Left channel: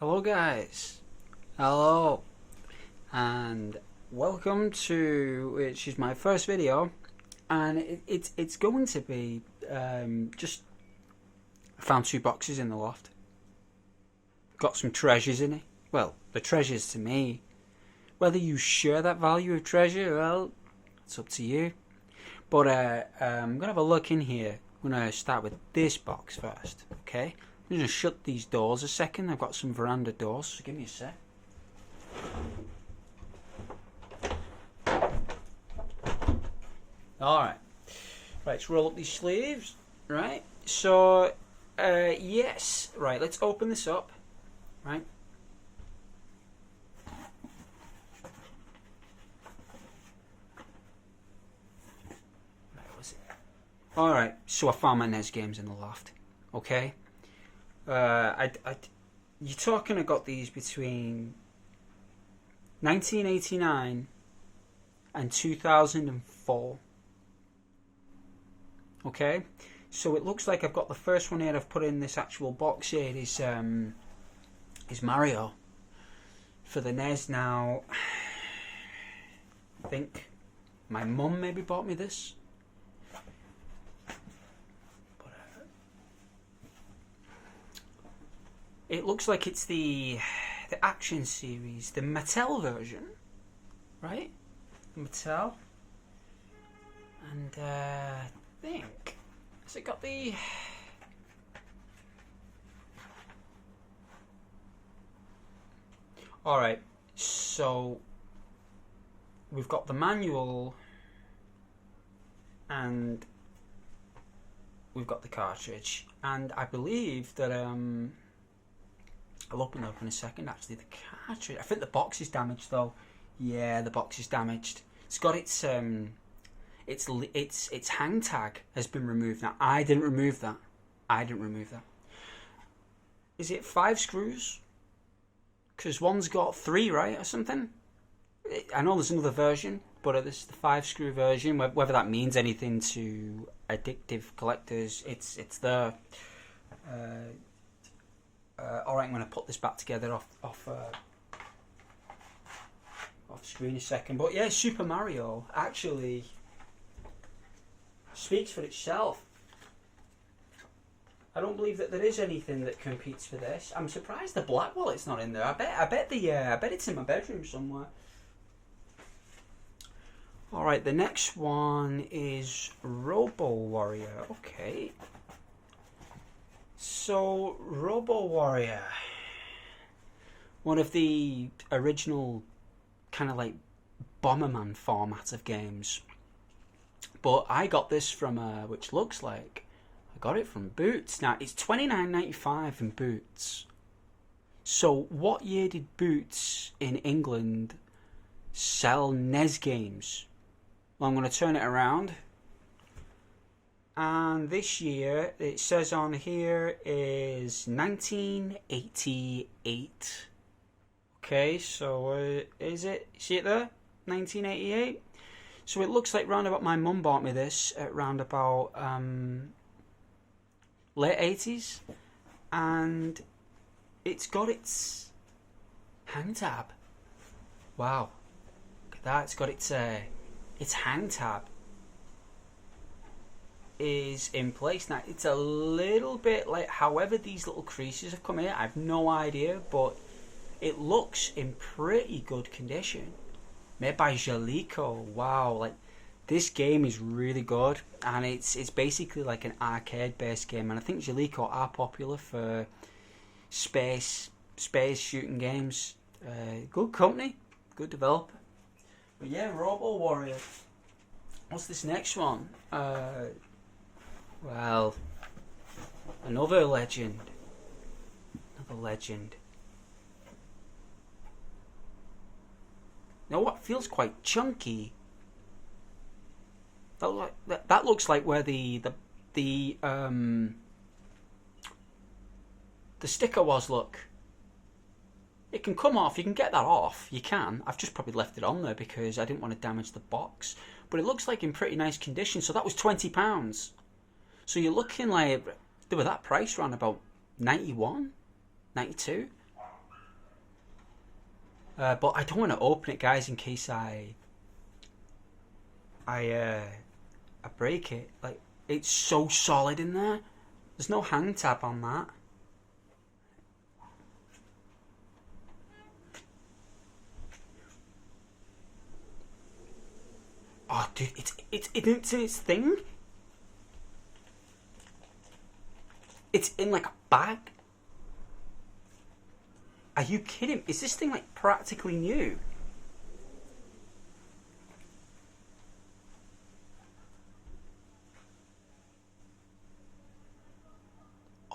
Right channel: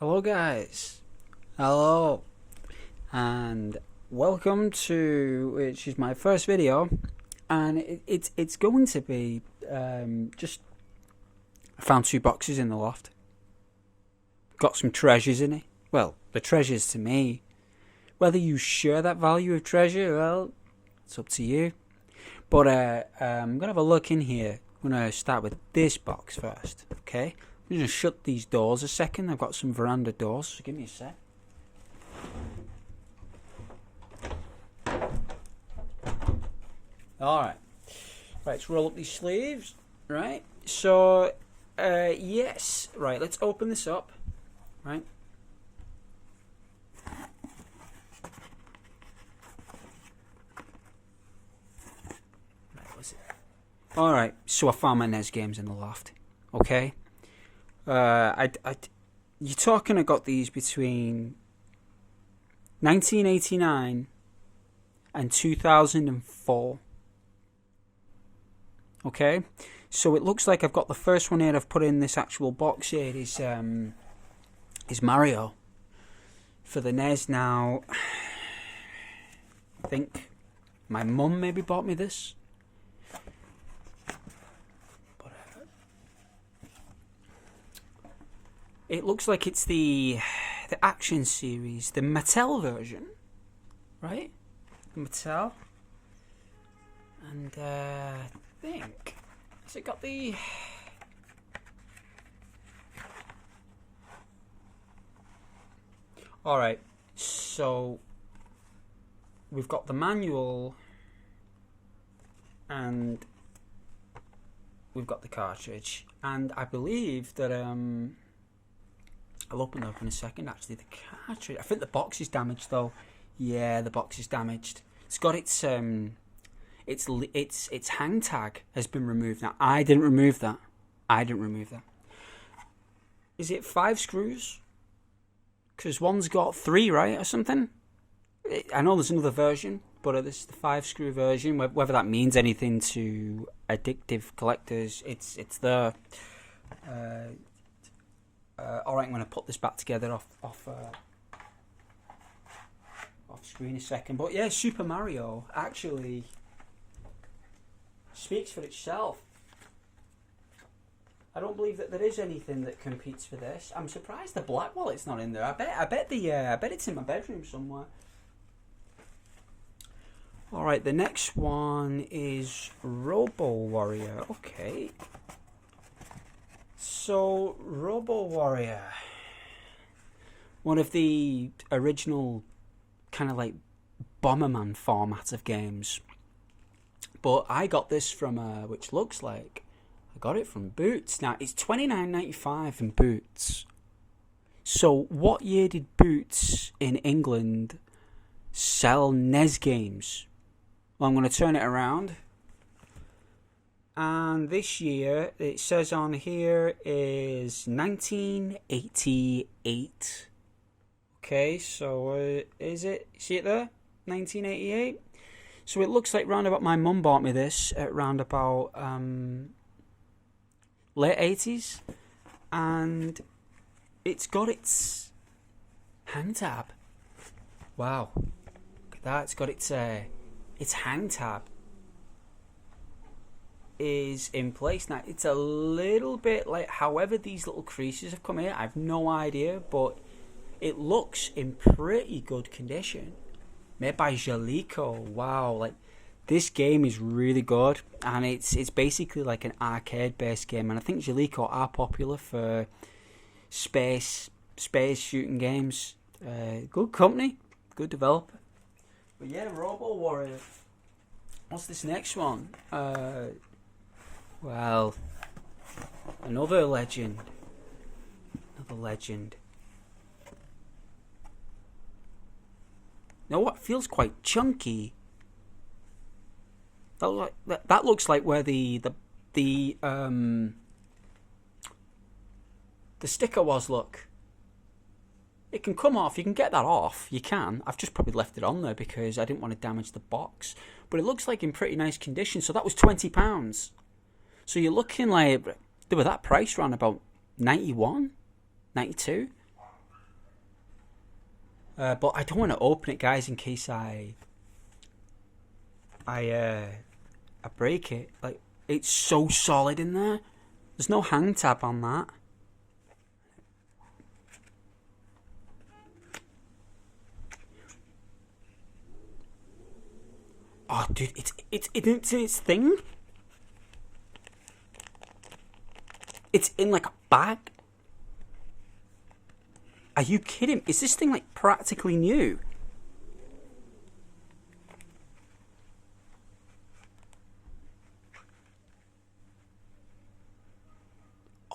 Hello guys, hello, and welcome to which is my first video, and it's going to be just I found two boxes in the loft, got some treasures in it. Well, the treasures to me, whether you share that value of treasure, well, it's up to you. But I'm gonna have a look in here. I'm gonna start with this box first, okay? I'm going to shut these doors a second. I've got some veranda doors, so give me a sec. Alright. Right, let's roll up these sleeves. Right, so, yes. Right, let's open this up. Right. Alright, so I found my NES games in the loft. Okay? You're talking, I got these between 1989 and 2004. Okay, so it looks like I've got the first one here. I've put in this actual box here. Is Mario for the NES. Now, I think my mum maybe bought me this. It looks like it's the action series, the Mattel version, right? Mattel, and I think has it got the? All right, so we've got the manual, and we've got the cartridge, and I believe that I'll open it up in a second. Actually, the cartridge. I think the box is damaged though. Yeah, the box is damaged. It's got its hang tag has been removed. Now I didn't remove that. Is it 5 screws? Because one's got 3, right, or something. I know there's another version, but this is the 5-screw version. Whether that means anything to addictive collectors, it's there. Alright, I'm going to put this back together off screen a second. But yeah, Super Mario actually speaks for itself. I don't believe that there is anything that competes for this. I'm surprised the black wallet's not in there. I bet it's in my bedroom somewhere. Alright, the next one is Robo Warrior. Okay. So, Robo Warrior, one of the original kind of like Bomberman format of games. But I got this from, which looks like, I got it from Boots. Now, it's $29.95 in Boots. So, what year did Boots in England sell NES games? Well, I'm going to turn it around. And this year, it says on here, is 1988. Okay, so is it? See it there? 1988. So it looks like round about my mum bought me this at round about late 80s. And it's got its hang tab. Wow. Look at that. It's got its hang tab is in place. Now it's a little bit like, however these little creases have come here, I have no idea, but it looks in pretty good condition. Made by Jalico. Wow, like this game is really good, and it's basically like an arcade based game, and I think Jalico are popular for space shooting games. Good company, good developer. But yeah, Robo Warrior. What's this next one? Well, another legend. Now what feels quite chunky. That looks like where the sticker was. Look, it can come off. You can get that off. You can. I've just probably left it on there because I didn't want to damage the box. But it looks like in pretty nice condition. So that was £20. So you're looking like they were that price around about 91, 92. But I don't want to open it, guys, in case I I break it. Like, it's so solid in there. There's no hang tab on that. Oh, dude, it's in its thing. It's in like a bag. Are you kidding? Is this thing like practically new?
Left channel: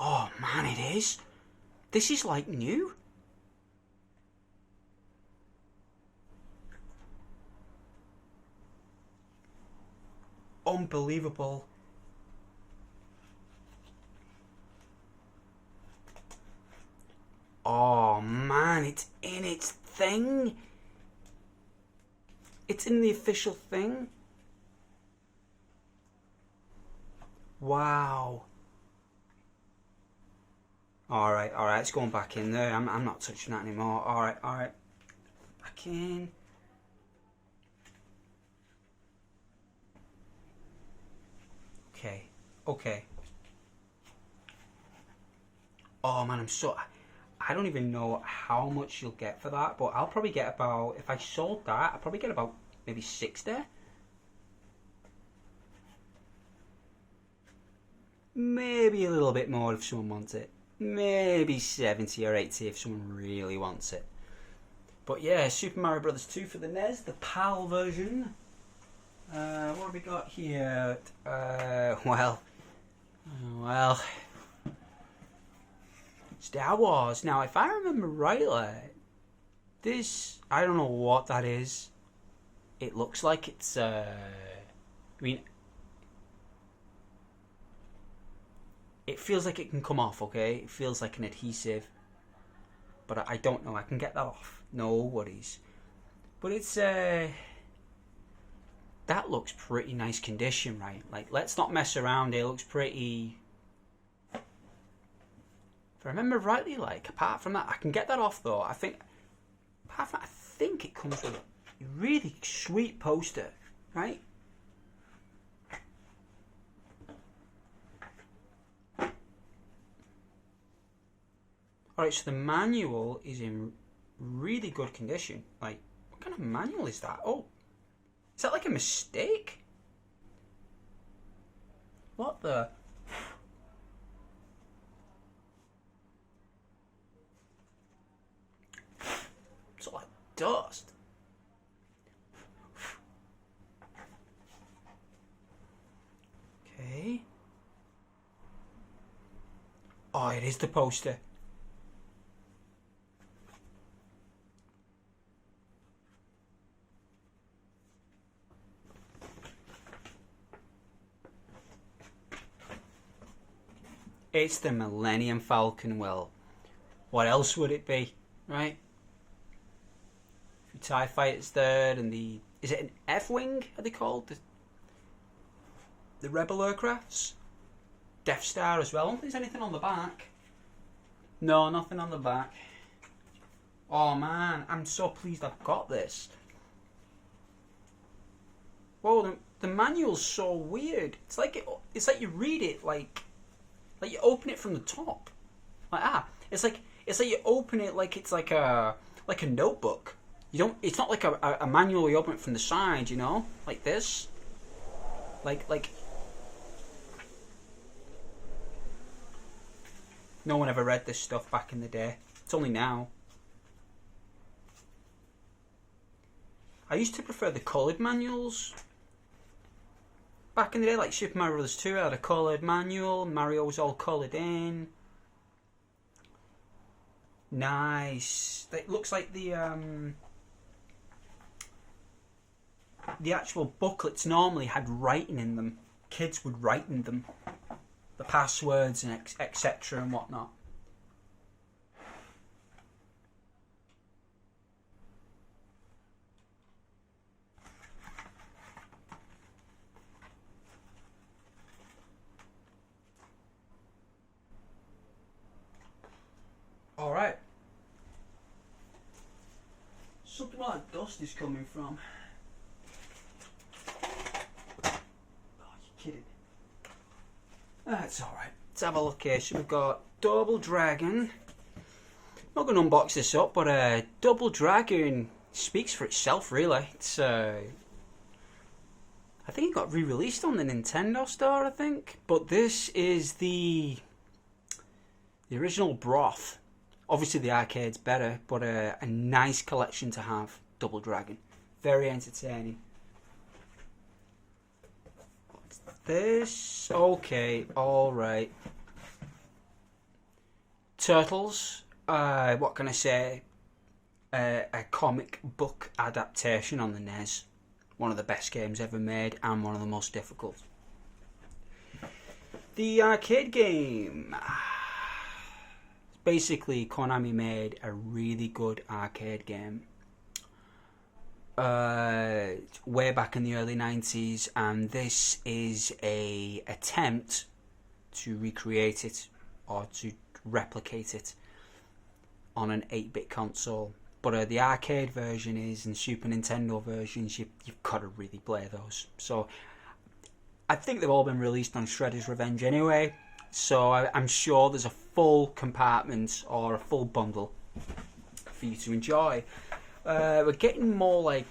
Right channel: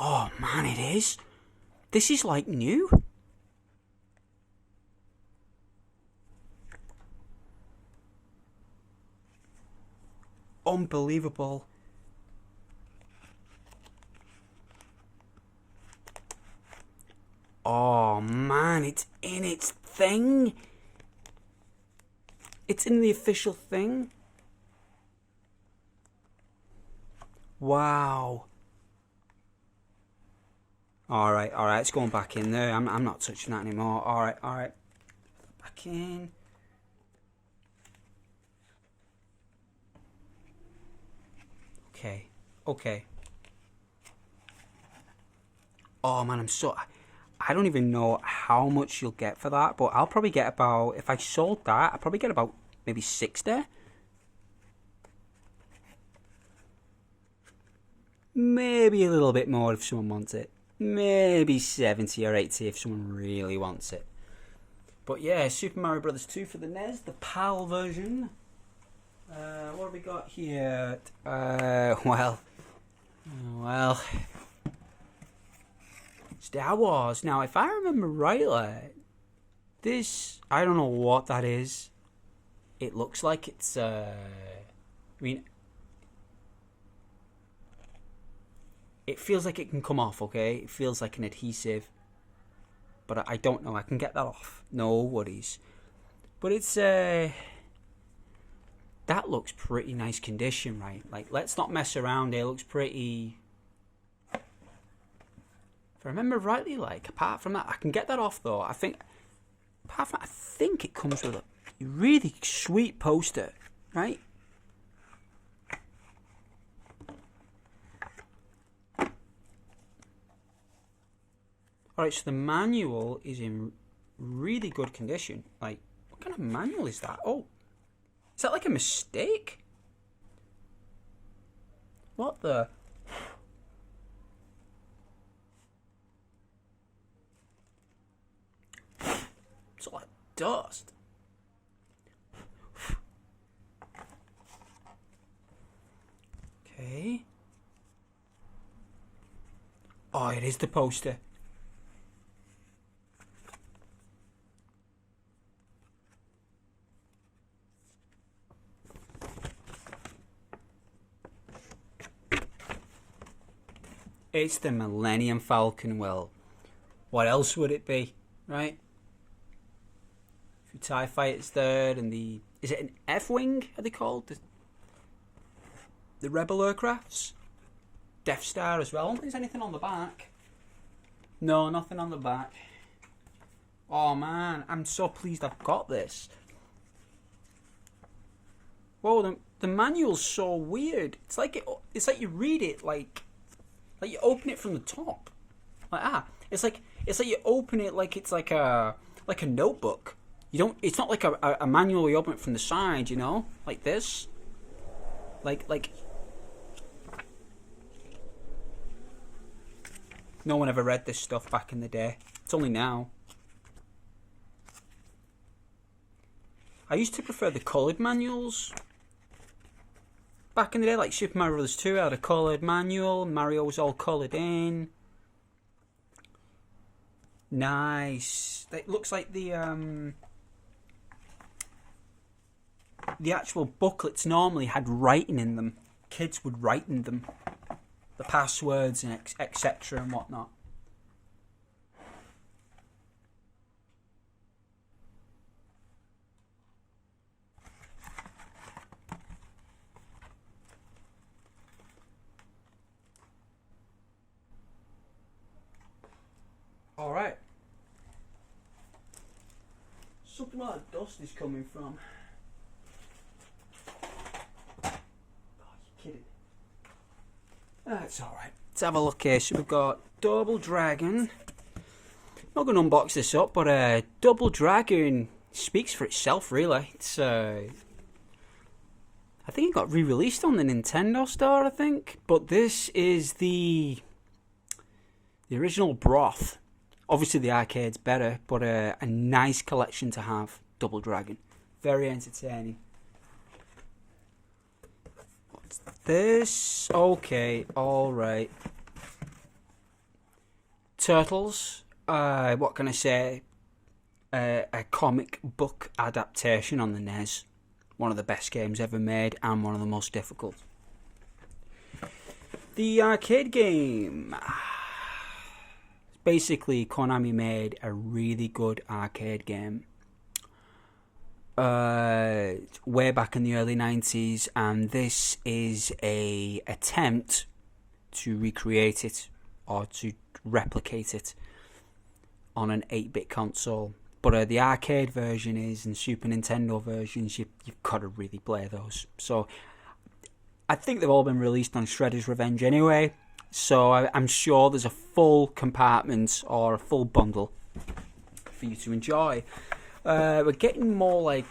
Oh man, it is. This is like new. Unbelievable. Oh man, it's in its thing. It's in the official thing. Wow. Alright, it's going back in there. I'm not touching that anymore. Alright. Back in. Okay. Oh man, I don't even know how much you'll get for that, but I'll probably get about, if I sold that, I'll probably get about maybe 60. Maybe a little bit more if someone wants it. Maybe 70 or 80 if someone really wants it. But yeah, Super Mario Brothers 2 for the NES, the PAL version. What have we got here? Well, Star Wars. Now, if I remember rightly, this, I don't know what that is. It looks like it's, I mean, it feels like it can come off, okay? It feels like an adhesive. But I don't know. I can get that off. No worries. But it's, that looks pretty nice condition, right? Like, let's not mess around. It looks pretty... If I remember rightly, like, apart from that, I can get that off, though. I think, apart from that, I think it comes with a really sweet poster, right? Alright, so the manual is in really good condition. Like, what kind of manual is that? Oh, is that like a mistake? What the? It's like dust. Okay. Oh, it is the poster. It's the Millennium Falcon. Well, what else would it be, right? The TIE Fighters there, and the... Is it an F-Wing, are they called? The Rebel aircrafts? Death Star as well. I don't think there's anything on the back. No, nothing on the back. Oh man, I'm so pleased I've got this. Whoa, the manual's so weird. It's like you read it like you open it from the top. Like it's like you open it like it's like a notebook. You don't. It's not like a manual. You open it from the side, you know, like this. Like. No one ever read this stuff back in the day. It's only now. I used to prefer the coloured manuals. Back in the day, like Super Mario Bros. 2 had a coloured manual. Mario was all coloured in. Nice. It looks like the actual booklets normally had writing in them. Kids would write in them. The passwords and etc. and whatnot. All right. Something where that dust is coming from. Oh, you're kidding. That's alright. Let's have a look here. So we've got Double Dragon. I'm not going to unbox this up, but Double Dragon speaks for itself, really. It's I think it got re-released on the Nintendo Store, I think. But this is the original broth. Obviously the arcade's better, but a nice collection to have. Double Dragon. Very entertaining. What's this? Okay, alright. Turtles. What can I say? A comic book adaptation on the NES. One of the best games ever made and one of the most difficult. The arcade game. Basically, Konami made a really good arcade game way back in the early 90s, and this is a attempt to recreate it or to replicate it on an 8-bit console. But the arcade version is, and Super Nintendo versions, you've got to really play those. So I think they've all been released on Shredder's Revenge anyway. So I'm sure there's a full compartment or a full bundle for you to enjoy. We're getting more like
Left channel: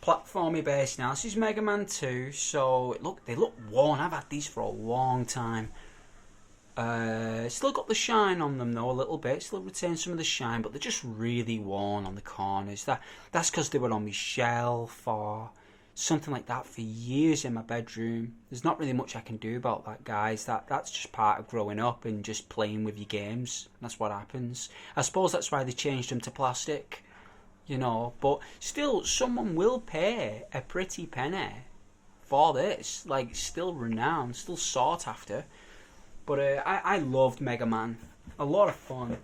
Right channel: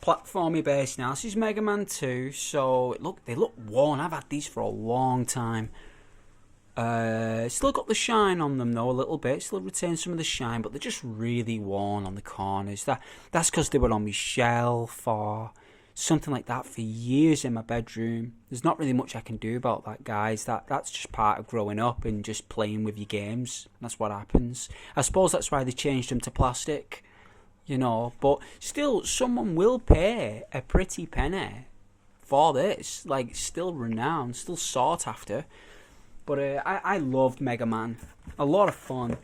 platformy based now. This is Mega Man 2, so they look worn. I've had these for a long time. Still got the shine on them though a little bit. Still retain some of the shine, but they're just really worn on the corners. That's because they were on my shelf or something like that for years in my bedroom. There's not really much I can do about that, guys. That's just part of growing up and just playing with your games. That's what happens. I suppose that's why they changed them to plastic, you know. But still, someone will pay a pretty penny for this. Like, still renowned, still sought after. But I loved Mega Man. A lot of fun.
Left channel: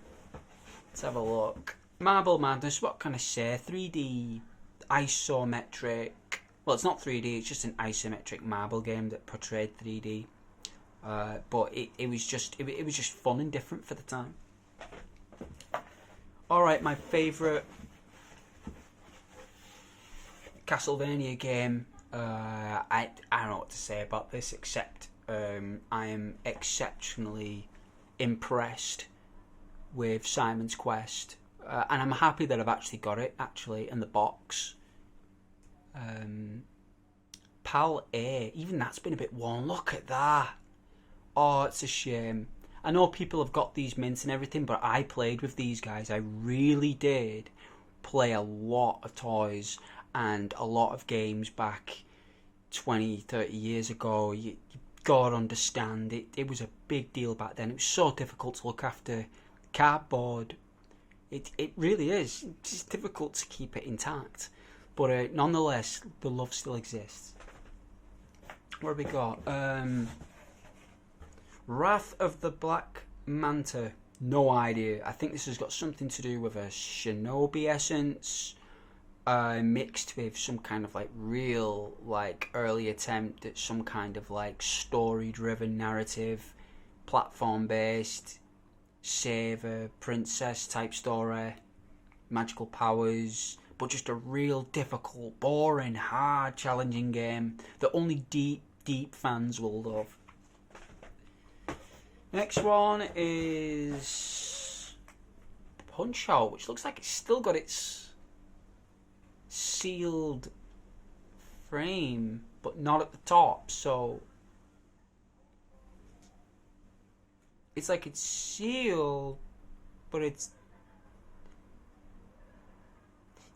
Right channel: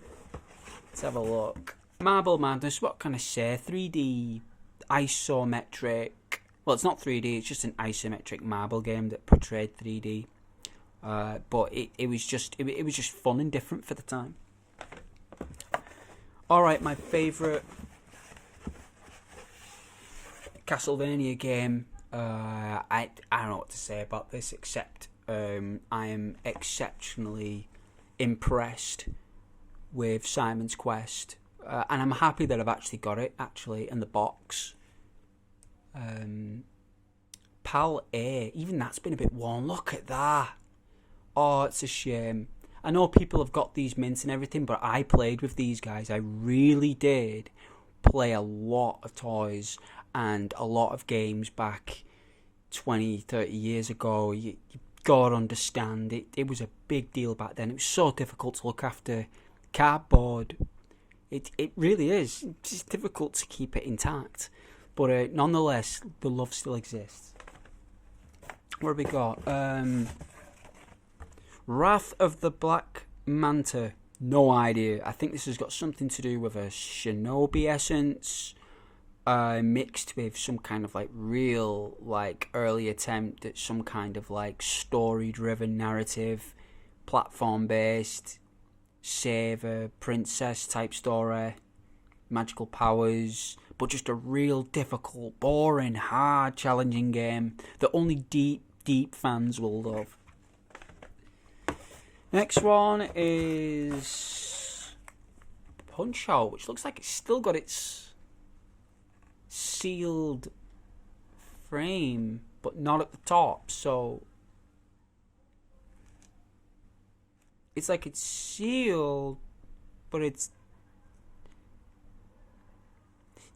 Let's have a look. Marble Madness, what can I say? 3D isometric. Well, it's not 3D, it's just an isometric marble game that portrayed 3D. But it was just fun and different for the time. Alright, my favourite Castlevania game. I don't know what to say about this, except I am exceptionally impressed with Simon's Quest. And I'm happy that I've actually got it, in the box. Pal A, even that's been a bit worn. Look at that. Oh, it's a shame. I know people have got these mints and everything, but I played with these guys. I really did play a lot of toys and a lot of games back 20, 30 years ago. You gotta understand, it was a big deal back then. It was so difficult to look after cardboard. It really is. It's difficult to keep it intact. But nonetheless, the love still exists. What have we got? Wrath of the Black Manta. No idea. I think this has got something to do with a shinobi essence, mixed with some kind of like real, like early attempt at some kind of like story-driven narrative, platform-based, saver, princess type story, magical powers. But just a real difficult, boring, hard, challenging game that only deep fans will love. Next one is Punch-Out, which looks like it's still got its sealed frame, but not at the top. So it's like it's sealed, but it's...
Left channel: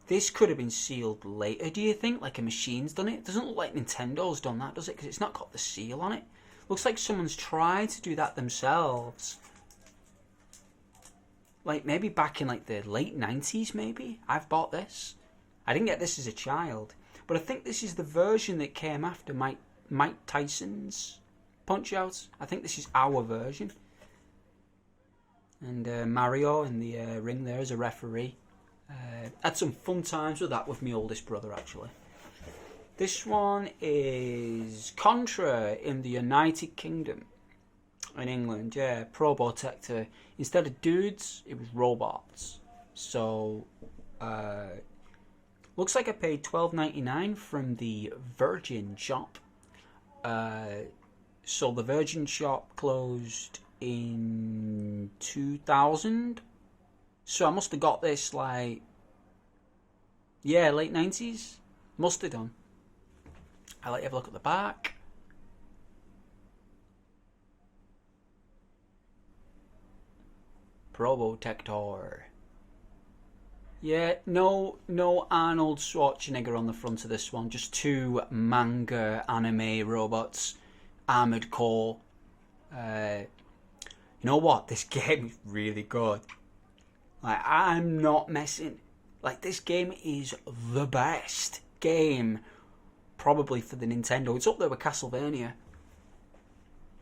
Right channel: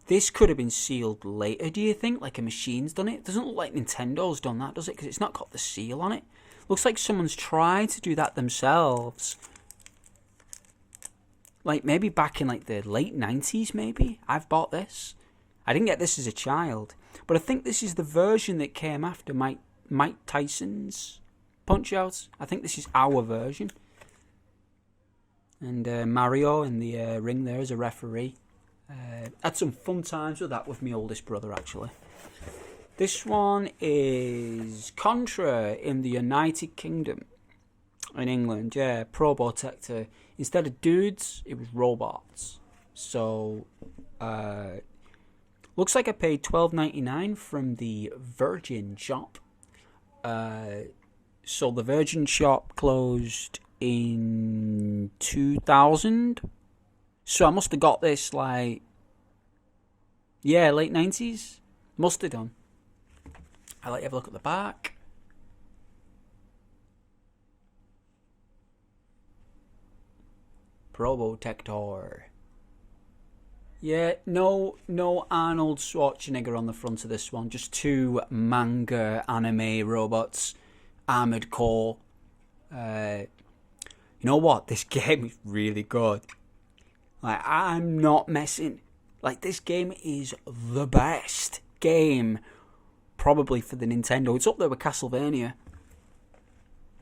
This could have been sealed later, do you think? Like a machine's done it? It doesn't look like Nintendo's done that, does it? Because it's not got the seal on it. Looks like someone's tried to do that themselves. Like maybe back in like the late 90s, maybe? I've bought this. I didn't get this as a child. But I think this is the version that came after Mike Tyson's Punch-Out. I think this is our version. And Mario in the ring there as a referee. Had some fun times with that with my oldest brother, actually. This one is Contra in the United Kingdom. In England, yeah. Probotector. Instead of dudes, it was robots. So, looks like I paid $12.99 from the Virgin shop. So the Virgin shop closed in 2000. So I must have got this like, yeah, late 90s. Must have done. I'll let you have a look at the back. Probotector. Yeah, no Arnold Schwarzenegger on the front of this one. Just two manga anime robots, armored core. You know what? This game is really good. Like, I'm not messing. Like, this game is the best game probably for the Nintendo. It's up there with Castlevania.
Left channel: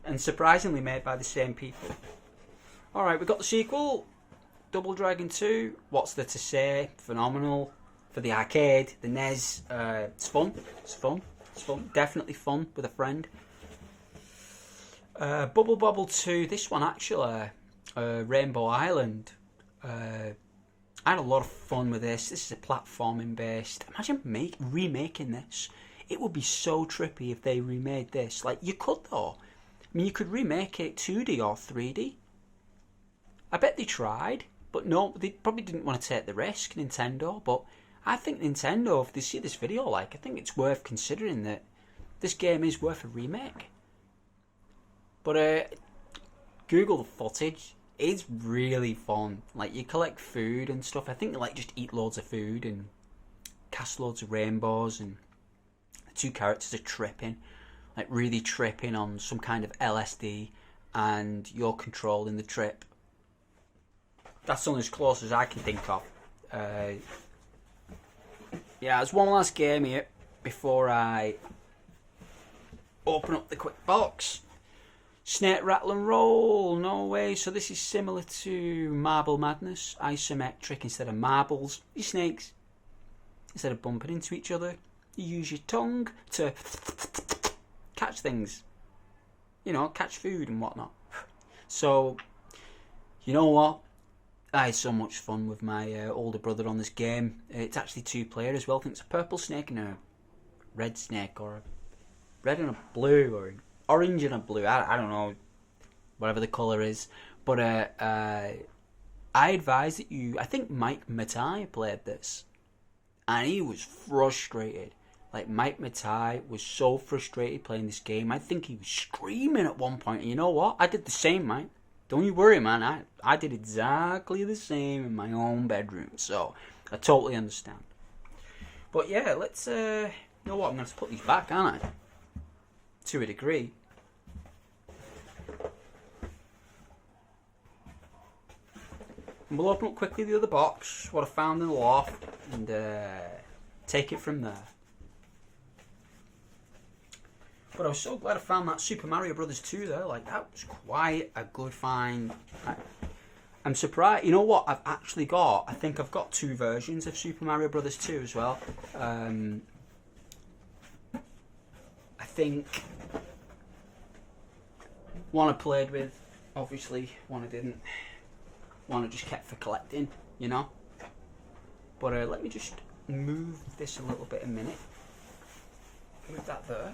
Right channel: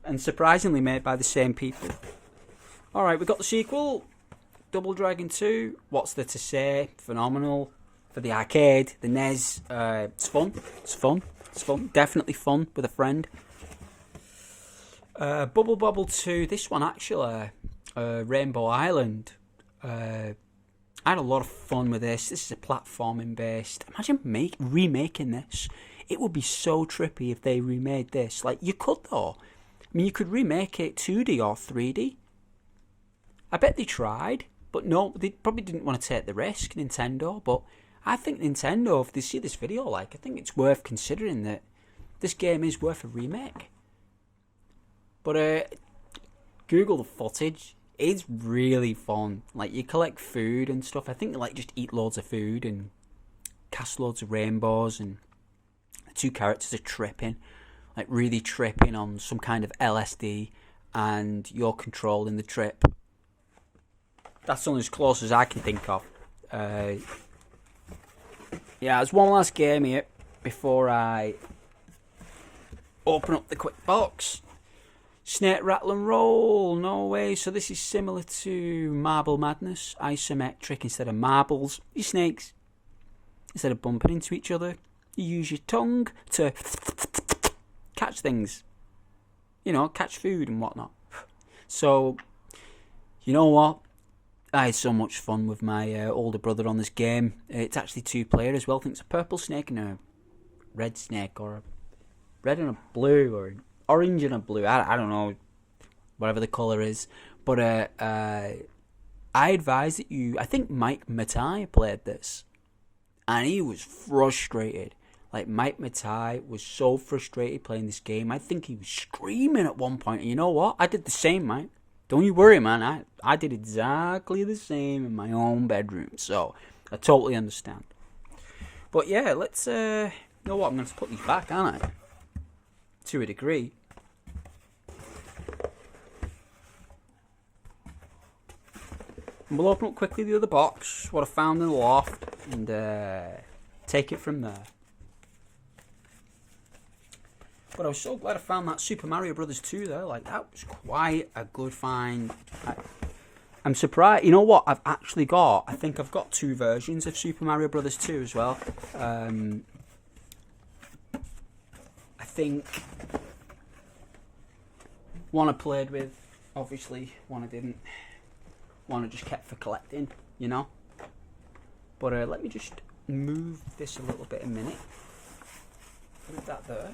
And surprisingly made by the same people. Alright, we got the sequel. Double Dragon 2. What's there to say? Phenomenal. For the arcade, the NES. It's fun. It's fun. It's fun. Definitely fun with a friend. Bubble Bobble 2. This one actually. Rainbow Island. I had a lot of fun with this. This is a platforming based. Imagine remaking this. It would be so trippy if they remade this. Like, you could though. I mean, you could remake it 2D or 3D. I bet they tried, but no, they probably didn't want to take the risk, Nintendo. But I think Nintendo, if they see this video, like, I think it's worth considering that this game is worth a remake. But Google the footage. It's really fun. Like, you collect food and stuff. I think you like just eat loads of food and cast loads of rainbows, and the two characters are tripping, like really tripping on some kind of LSD, and you're controlling the trip. That's only as close as I can think of. Yeah, there's one last game here before I open up the quick box. Snake, Rattle and Roll, no way. So this is similar to Marble Madness, isometric. Instead of marbles, you snakes. Instead of bumping into each other, you use your tongue to catch things. You know, catch food and whatnot. So, you know what? I had so much fun with my older brother on this game. It's actually 2-player as well. I think it's a purple snake and a red snake, or a red and a blue, or orange and a blue. I don't know, whatever the colour is. But I advise that you... I think Mike Matai played this, and he was frustrated. Like, Mike Matai was so frustrated playing this game. I think he was screaming at one point. And you know what? I did the same, Mike. Don't you worry, man. I did exactly the same in my own bedroom. So, I totally understand. But yeah, let's... you know what? I'm going to put these back, aren't I? To a degree. And we'll open up quickly the other box, what I found in the loft, and take it from there. But I was so glad I found that Super Mario Brothers 2 there. Like, that was quite a good find. I'm surprised. You know what? I've actually got... I think I've got 2 versions of Super Mario Brothers 2 as well. I think one I played with, obviously. One I didn't. One I just kept for collecting, you know. But let me just move this a little bit a minute. Move that there.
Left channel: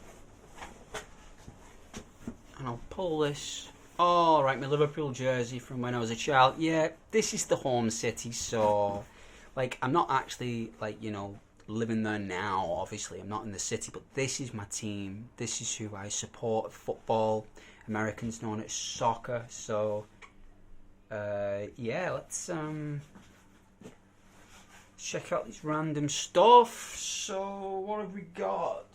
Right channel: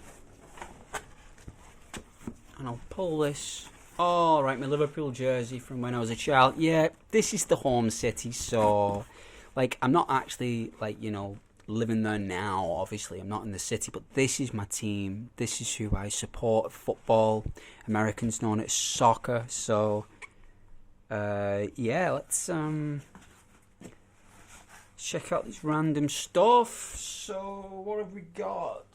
And I'll pull this. Oh, right, my Liverpool jersey from when I was a child. Yeah, this is the home city, so... Like, I'm not actually, like, you know, living there now, obviously. I'm not in the city, but this is my team. This is who I support. Football. Americans know it as soccer, so... yeah, let's check out this random stuff. So, what have we got?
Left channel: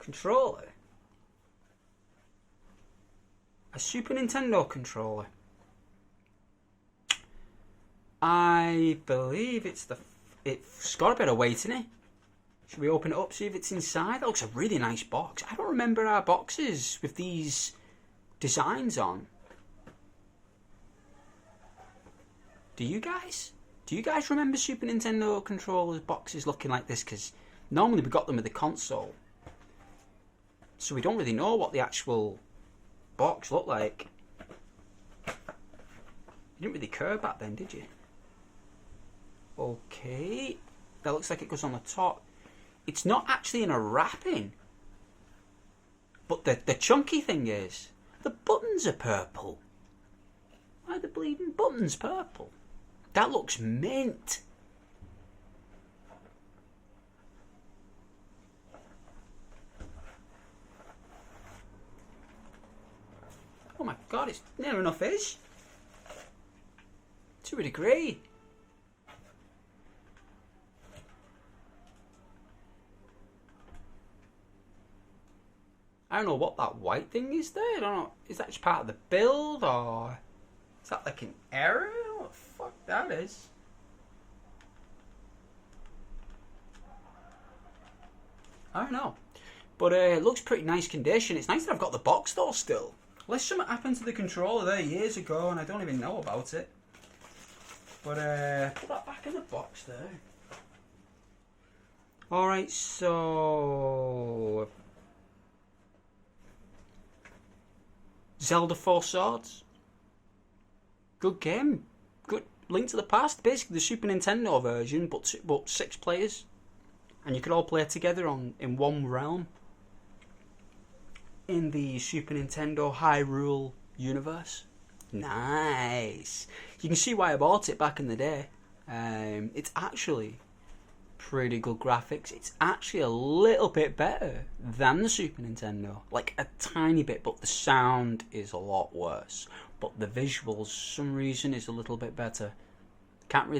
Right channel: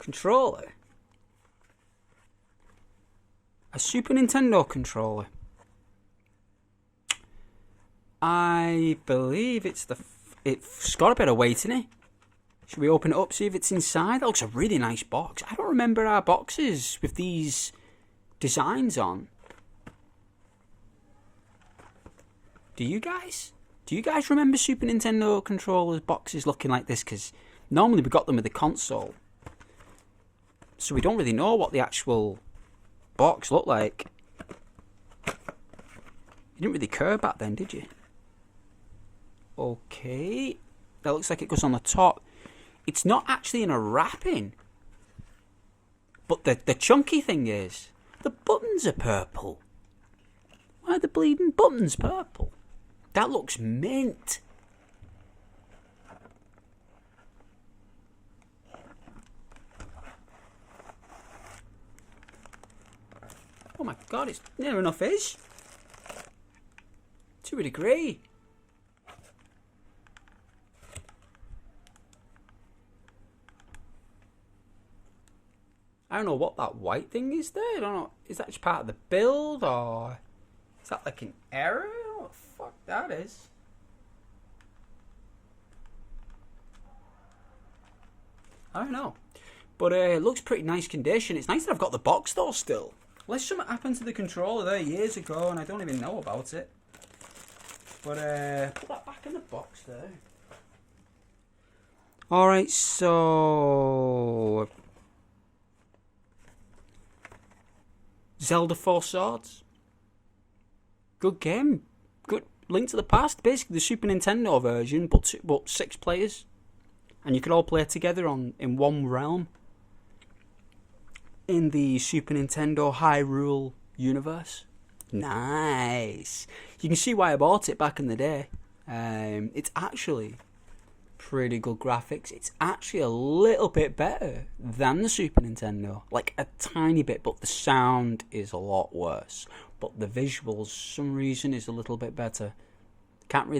Controller. A Super Nintendo controller. I believe it's got a bit of weight in it. Should we open it up, see if it's inside? That looks a really nice box. I don't remember our boxes with these designs on. Do you guys? Do you guys remember Super Nintendo controllers boxes looking like this? Because normally we got them with the console. so we don't really know what the actual box looked like. You didn't really care back then, did you? Okay, that looks like it goes on the top. It's not actually in a wrapping, but the chunky thing is, the buttons are purple. Why are the bleeding buttons purple? That looks mint. Oh my god, it's near enough is. To a degree. I don't know what that white thing is there. I don't know. Is that just part of the build, or is that like an error? What the fuck that is? I don't know. But it looks pretty nice condition. It's nice that I've got the box though still. Unless something happened to the controller there years ago and I don't even know about it. But put that back in the box there. Alright, so Zelda Four Swords. Good game. Good Link to the Past. Basically the Super Nintendo version, but 6 players. And you could all play together in one realm. In the Super Nintendo Hyrule universe. Nice. You can see why I bought it back in the day. It's actually pretty good graphics. It's actually a little bit better than the Super Nintendo. Like a tiny bit, but the sound is a lot worse. But the visuals, for some reason, is a little bit better. Can't really